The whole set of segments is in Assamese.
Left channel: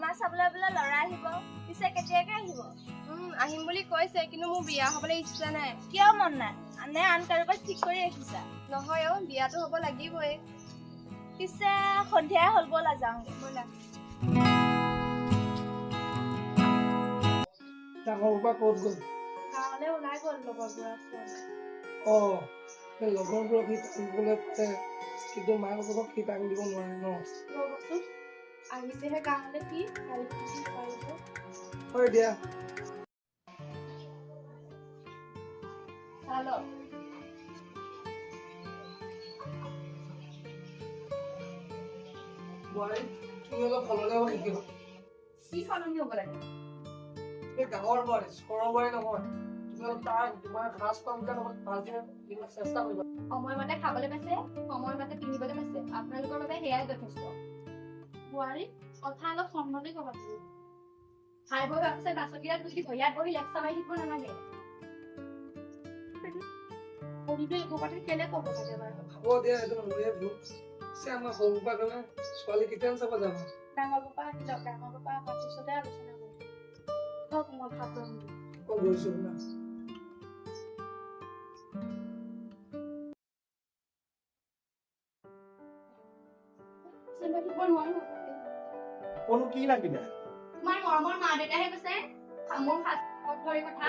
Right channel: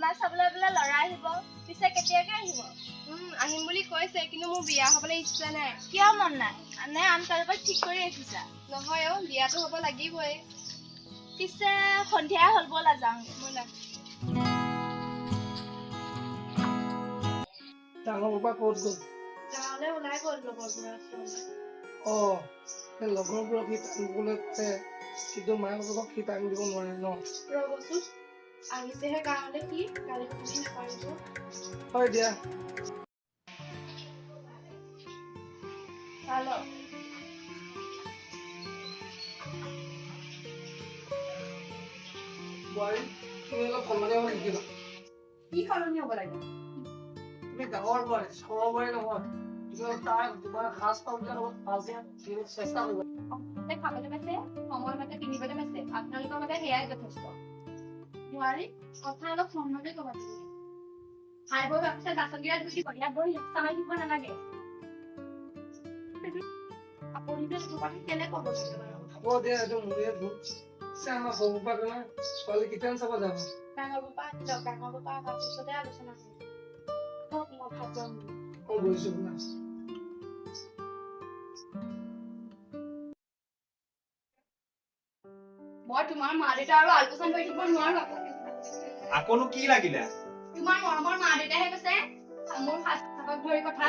অকমান চাবলৈ বোলে ল'ৰা আহিব পিছে কেতিয়াকে আহিব আহিম বুলি কৈছে কিন্তু মোৰ বিয়া হ'বলৈ ইচ্ছা নাই কিয় মন নাই নে আন কাৰোবাক ঠিক কৰি ৰাখিছা নহয় অ বিয়াটো হ'ব লাগিবই পিছে সন্ধিয়া হ'ল ব'লা যাওঁগে ব'লা ডাঙৰ বাবা ক'ত গ'ল গাঁৱলৈ ওলাই গ'ল লগৰবোৰৰ ওচৰলৈ সেই লগৰবোৰক সি টানিবলৈ পাৰে কিন্তু মাক বাপেকক সি টানি দিব নোৱাৰে ন ৰ'বচোন আহিছেহে গাঁৱলৈ কি গালি শুনি নকৰিব হয় দিয়া ভাল বোৱাৰী তুমি অলপ সলনি হ'ব শিকিব কি সলনি হ'ব লাগে তুমি ডাঙৰ বোৱাৰী সৰু বোৱাৰী নহয় তোমাৰ সাজ পাওঁতে ভালকে চেষ্টা কৰিবা সময়মতে খাবলৈ পাইছে সময়মতে পিন্ধিবলৈ পাইছে আপোনালোকৰ বাবে সেয়াই যথেষ্ট বোৱাৰী কথা অলপ সম্মতে ক'বা তুমি খাই বৈ ভাবিছে বাচনকেইটা ধুই দিব ইয়াত বহি লেকচাৰ মাৰি দিব নালাগে আপুনিতো এইটো কথা কেলে ক'ব লাগে বাৰু হ'ব দিয়া এইটো মোৰে ভুল আমাৰ সৰু পাপা ছোৱালী কেতিয়া চাব যাব ডাঙৰ পাপা আহিলক ডাঙৰ পাপা অহাৰ পিছতে আলোচনা কৰিম হওক মই ভাত ল'ম মই গৈছো না মই তোমাৰ মা দেউতা আৰু আলোচনা কৰি থাকিব নোৱাৰো আকৌনো কি লাগিলে তোমাৰ মৰমৰ মা দেউতাহে কৈছে মোৰ সাজপাক ধৰি কথা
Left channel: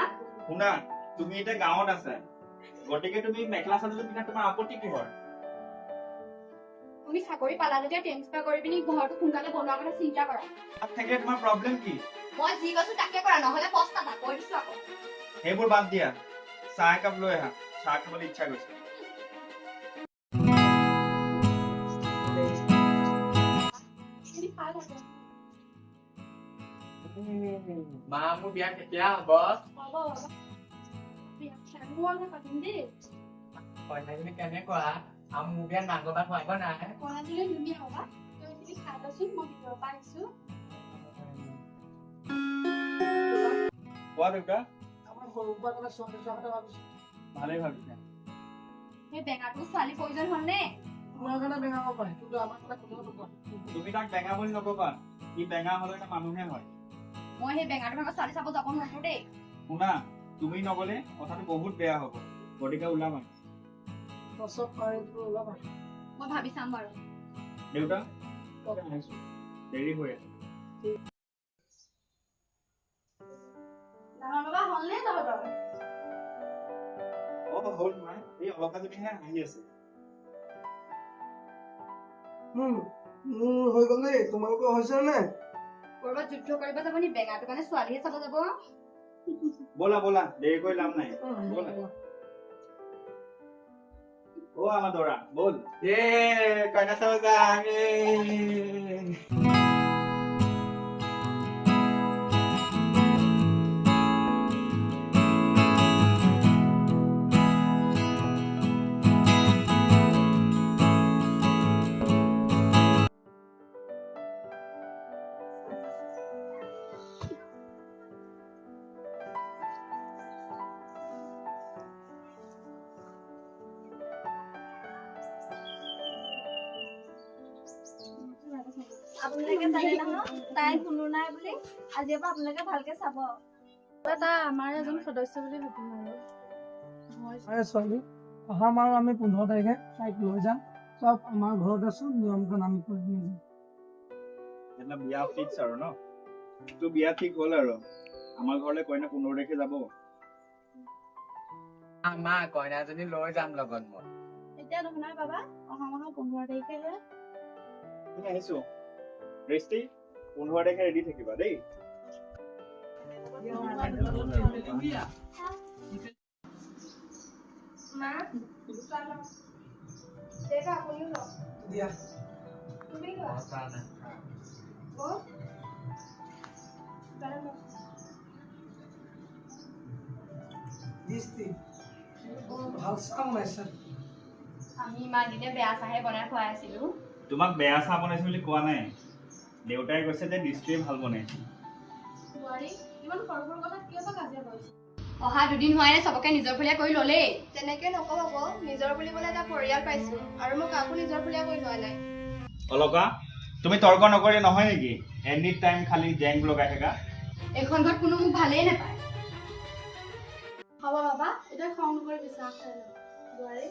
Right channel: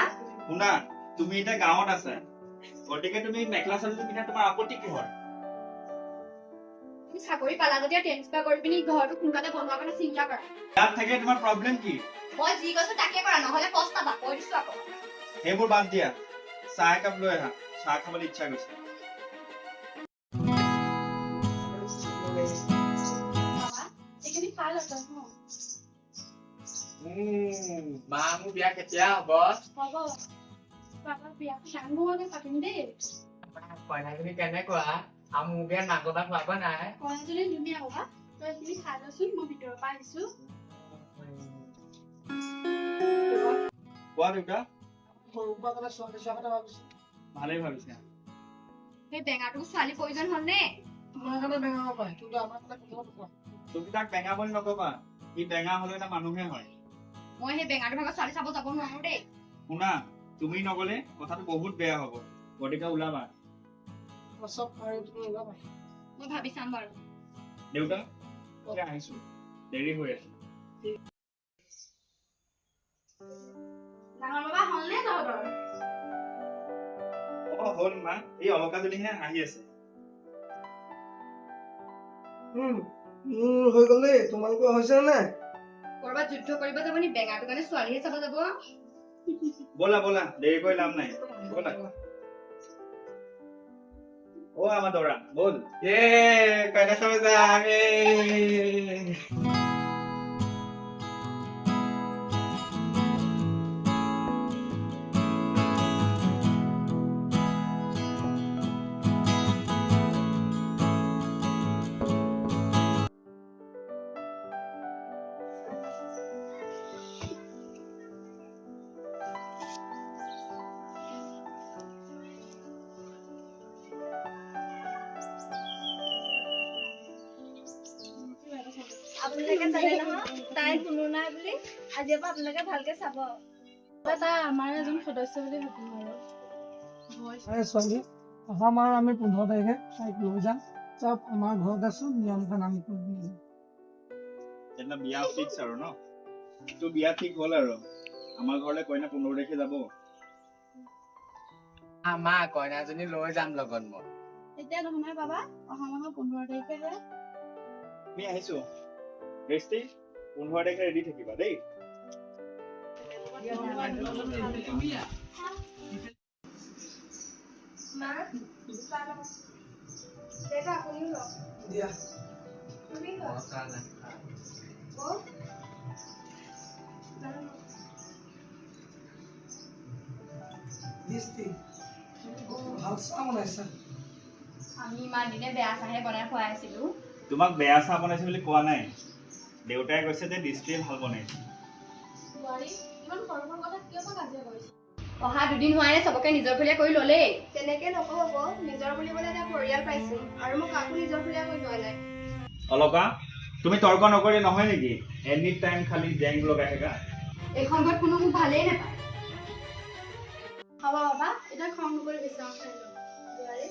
শুনা তুমি এতিয়া গাঁৱত আছে গতিকে তুমি মেখেলা চাদৰটো পিন্ধা তোমাৰ আপত্তি কিহৰ তুমি চাকৰি পালা যেতিয়া ট্ৰেন্সফাৰ কৰি পিনি ঘৰটো সোনকালে বনোৱাৰ কথা চিন্তা কৰা তাত থাকে তোমাৰ প্ৰব্লেম কি মই যি কৈছো তাকে কৰা নহলে পস্তাবা কৈ দিছো আকৌ সেইবোৰ বাদ দিয়া চাহ একাপ লৈ আহা চাহ খাবলৈ ইচ্ছা গৈছে এইখিনি ভাল আছে মা মোৰ বিয়া কেতিয়া হ'ব হ'ব বাবা বিয়া ডাঙৰকে পাতিম দেই কইনাজনী কেনেকুৱা আৰু মোৰ বিয়াত মাক বাপেক খুৱাব নাই কইনাজনী ধুনীয়া হ'বা তই তুমি খাই লচোন মই ভিতৰৰ পৰা আহিছো কোৱা দেউতা আমাৰ সৰু পাপা ছোৱালী চোৱা কথা ভাবিছো ভালেই ভাবিছা সেই বেঙাটো ছোৱালী প্ৰয়োজন হ'ল নে তোমাৰ কাৰণে বেঙা হ'ব পাৰে কিন্তু আমাৰ কাৰণে কোনো নোপোৱা তুমি তাক বেঙা বুলি নকবা সি বেঙা হলে এটা মানুহে হয় মই সেই বেঙাটো ভাগৰ ছোৱালী চাব যাব নোৱাৰো দেই শুনা তুমি নগলে কথাটো বহুত বেয়া হ'ব গতিকে ওলাবা চব পাৰি তুমি ওলাবা মই ভাবি চাম বাৰু দেউতা এতিয়া আহিছো দেৰি হৈ আছে ডাঙৰ বাবা হ'ল নে তহঁতৰ হ'ল মা এই অলকাজনীহে আহি আছে মোৰ হৈ গ'ল দেই তোমালোকৰ হৈছে নে কৰবাত যুদ্ধ কৰিব যাব নি বেঙাটো কাৰণে ছোৱালীহে চাব যাব ব'লা ব'লা দেৰি কৰি লাভ নাই ব'লা অ আমাৰ দৰা বল কইনা চাব যাম আপোনালোকে জানে নহয় তাই কোনো নাই বুলি আজিৰ পৰা আপোনালোকে ভালকে চাব তাই আমাৰ এজন সদস্য বুলি ভাবিম আৰু ছোৱালী অহা মাহ আমি 15 তাৰিখে তাইক লৈ যাম চব আমাৰ ঘৰত আছো নিয়মখন আমি কৰি দিম এতিয়া বিয়া ফিক্স আৰু ন তো বিয়া ঠিক হ'ল আৰু আমাৰ ঘৰলৈ কইনা 15 তাৰিখে যাব মা কইনাজনী লৈ যাম লগত মই এতিয়া নহয় বাবা অহা মাহৰ 15 তাৰিখেহে আমি আহিছো ৰেষ্টি 15 তাৰিখে ৰেডি থাকিবা দেই মা দেউতা আপুনিও লওক দিয়া তুমি লোৱা ভাল চাহ বনাইছা আমি ইমান দিনে বেয়া চাহে বনাই খুৱাই আছিলো তোমাক বেয়া চাহ বনাইছে বুলি কোৱা নাই দেউতাই কৈছে যে দৃষ্টিয়ে ভাল বনাইছে বোৱাৰী ইমান সৰু সৰু কথাত কিয় বা কাজিয়া কৰিছে অহা দুদিন হোৱাৰে চবকে নিজৰ ফুলীয়া কৰি ল'লেই তেনেকে নক'ব নিজৰ বুলিবলৈ এটা পৰিয়াল পাইছো আৰু মই কাকো নিজৰ ফুলীয়া কৰি লোৱা নাই অলকা তুমি তৰ্ক নকৰি নহয় নেকি এনি টাইম খালি গেং লগাই থাকা এইখন ঘৰত কোনো মোক ভালেই নাপায় হ'ব বাবা এতিয়া খং নকৰি চাহ খাই লওঁ বোৱাৰী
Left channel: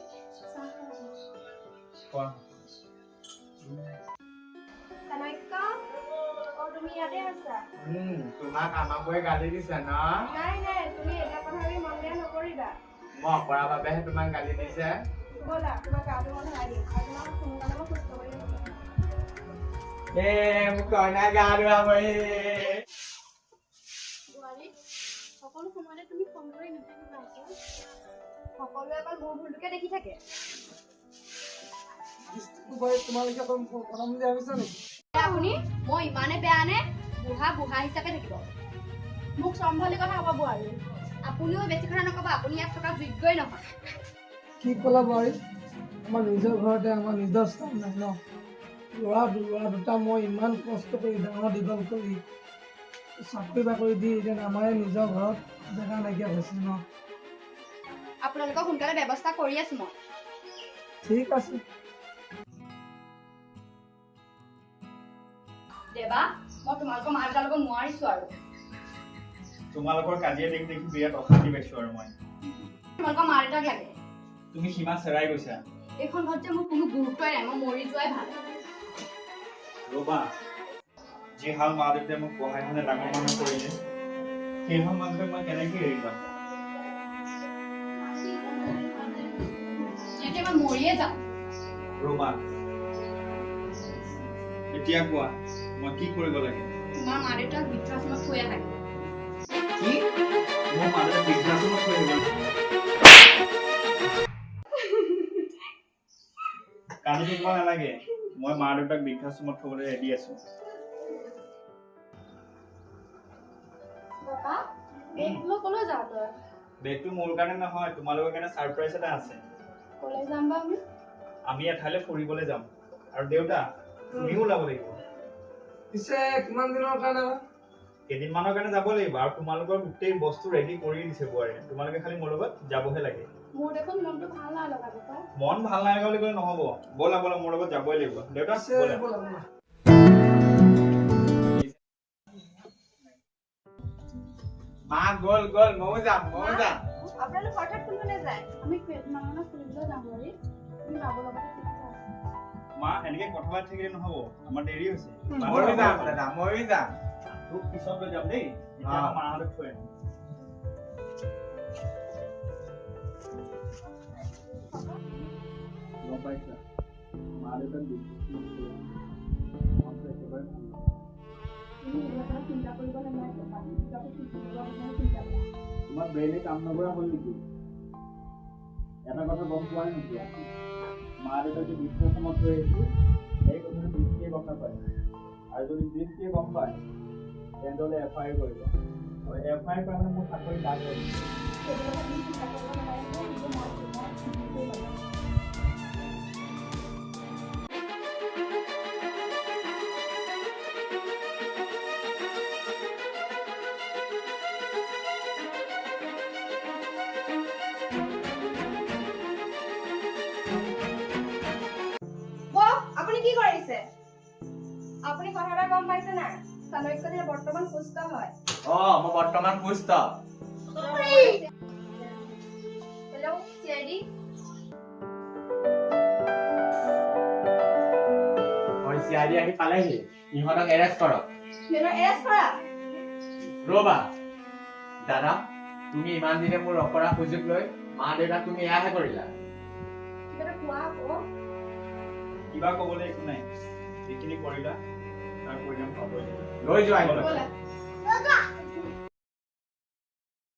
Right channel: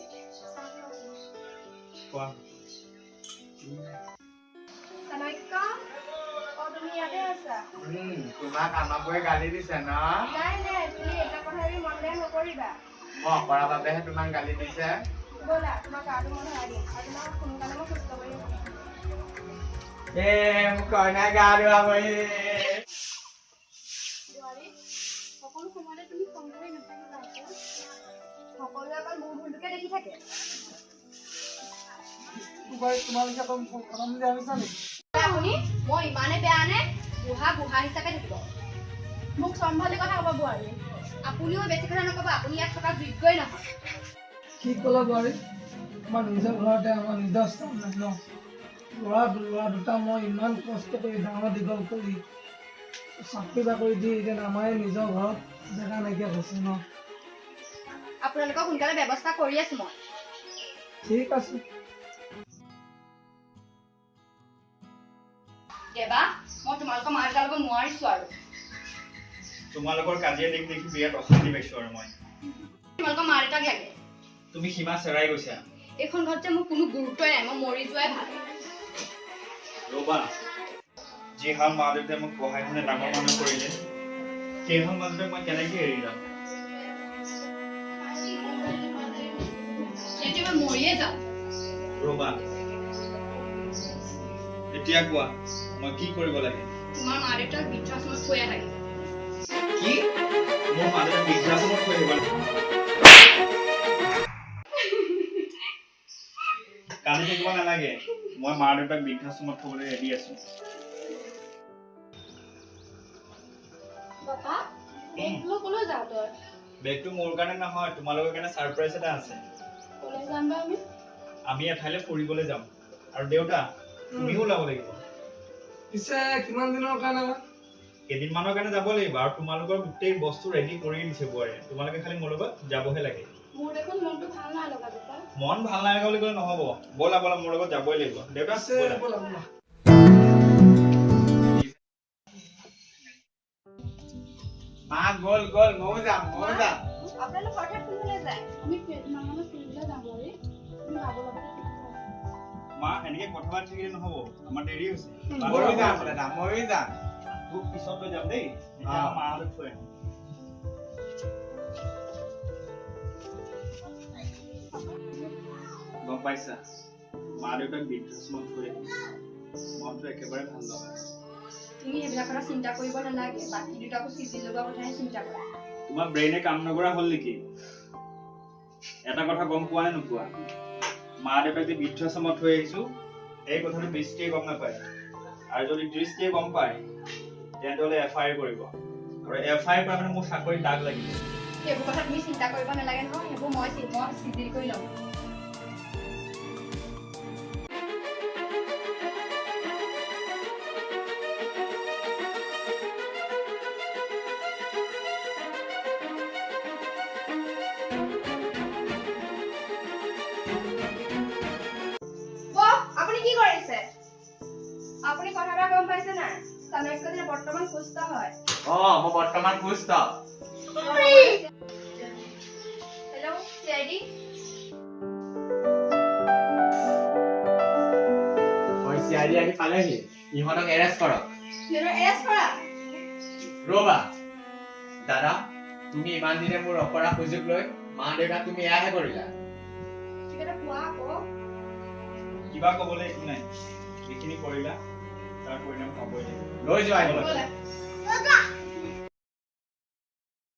চাহ কোৱা কানাইকা তুমি ইয়াতে আছা তোমাক আমাকোৱে গালি দিছে ন নাই নাই তুমি এটা কথা মন বেয়া নকৰিবা মই অকৰা বাবেহে তোমাক গালি দিছে ব'লা তোমাক গাটো মই ধৰাই দিম আৰু তোমাক সোনকালে মই সুস্থ কৰি দিম মোক কইনা গা ধুৱাবহি বোৱাৰী সকলো সময়তে তুমি খং কৰি নাথাকিবা আকৌ সকলোৱে অকল মোৰ ভুলটোকে দেখি থাকে তোমালোকে অকণ কথা বুজি ভাবিছা নেকি আপুনি মই ইমানে বেয়া নে বুঢ়া হিচাপে থাকিব মোক চম্ভালি কথা ক'ব বোৱাৰী আপুনিও বেছি কথা নক'ব আপুনি ইয়াত থকা যোগ্যই নহয় কি ক'লা বোৱাৰী আমাৰ নিজৰ ঘৰতে আমাৰ নিজৰ স্থান নাই ন ল'ৰা দুটা মই ইমান কষ্ট কৰি ডাঙৰ দীঘল কৰি চাকৰি বাকৰি দি এতিয়া আমাৰ নিজৰ ঘৰত জেগা নাইকিয়া হৈছে ন আপোনালোকক সোনকালে ব্যৱস্থা কৰি আছো মই ঠিক আছে দেবা মই তোমালোকৰ মা দেউতাৰ লগত নোৱাৰিছো আৰু তোমালোকৰ কাজিয়া দেখি দেখি বিৰাট অশান্তি পাইছো আৰু মই তোমালোকৰ মা দেউতাক লাগে তুমি সীমা চেৰাই গৈছা এইখন ঘৰত যে মোৰ কোনো গুৰুত্বই নাই মই মৰি যোৱাই ভাল ৰবা যি হাল মা দেউতাই মোক পঢ়াই শুনে ডাঙৰ মানুহ কৰিলে সেই হাল মা দেউতাক মই কেনেকে এৰি যাম তেতিয়া মই মৰিয়ে যাম ৰবা এতিয়া কোৱা মই কি কৰিব লাগে তোমাৰ মা দেউতাক বৃদ্ধাশ্ৰমত থৈ আহে কি মোৰ মা দেউতাক বৃদ্ধাশ্ৰমত থৈ আহিব কান্দি থাকিব নালাগে মই মা দেউতাক বৃদ্ধাশ্ৰমত থবলৈ ৰেডি আছো বাবা কলৈ যাওঁ তই বেগটো মোৰ কাৰণে নহয় তোমালোকৰ কাৰণে ছাৰপ্ৰাইজ এটা আছে কলৈ যাম বা আমি এঠাইলৈ ফুৰিবলৈ যাম আৰু দেউতা তুমিও ওলাব লাগিব পিছে কিমান দিনৰ কাৰণে বা কেইদিনমানৰ কাৰণে যাব লাগিব আৰু তোমালোকৰ গোটেই বস্তু ৰেডি কৰি দিছে বোৱাৰীয়ে তোমালোকে খালি মোৰ লগত যাবহে লাগে মোৰ দেখোন মনটো ভাল নাই লগা দেউতা মন ভাল নালাগে বুলি ক'লে নহ'ব ব'লা ব'লা মোৰ লগত যাবই লাগিব দেউতা পিছে ব'লা। ব'লা ব'লা মা গ'ল ময়ো যাম আপোনালোক হঠাৎ কোনফালে যায় আমি কেইদিনমানত ফুৰিবলৈ যাম বোৱাৰী তুমি যাব লগতে মা এনেকে কথা পাতি থাকিলে নহ'ব আমাৰ দেৰি হৈছে ময়ো যাম দাদা ময়ো যাম তোক পিছত লৈ যাম দেই এতিয়া অ। মাহঁতক থৈ আহিম গম পাইছা মা দেউতাক বৃদ্ধাশ্ৰমত থৈ আহিম মনটো একেবাৰে ভাল লগা নাই। তুমি এইবিলাক কথা চিন্তা কৰিব নালাগে বাকী দুটাকো চিঠি লগোৱা কথাহে চিন্তা কৰা তোমাৰ ব্ৰেইনে কাম নকৰা হ'ল নেকি এটা কথা গম পোৱা নে নোপোৱা মা দেউতাক যে বৃদ্ধাশ্ৰমত থৈ আহিছো এই কথাটো দৃষ্টিয়ে গম নাপায় আৰু যদি দৃষ্টিয়ে গম পায় তেনেহ'লে FIR কৰিব আৰু FIR কৰা মানে মোৰ চাকৰিত দাগ লাগিব সেইবোৰ কথা তুমি চিন্তা কৰিব নালাগে নহয় সেইবোৰ মই চিঠি কৰি ল'ম আপুনি কি কৰিছে আপুনি কথা এটা গম পাইছে নাই চাণক্য বৰ্তমান সুস্থ হয় মই বৰ্তমান সুস্থ হেল্ল' CID চিআইডি আহি পালেহি ইহঁতক এৰেষ্ট কৰক সিহঁতক এৰেষ্ট কৰা ৰবা দাদা তুমি ইমান দিনে মোৰ অপৰাধ সুযোগ লৈ মা দেউতাক তুমি এয়াহে কৰিলা সিহঁতক কোৱা আকৌ কিবা ক'বলৈ একো নাই যিখিনি কৰিলা তাৰ পৰিণাম পাবই লাগিব লৈ যোৱা ব'লা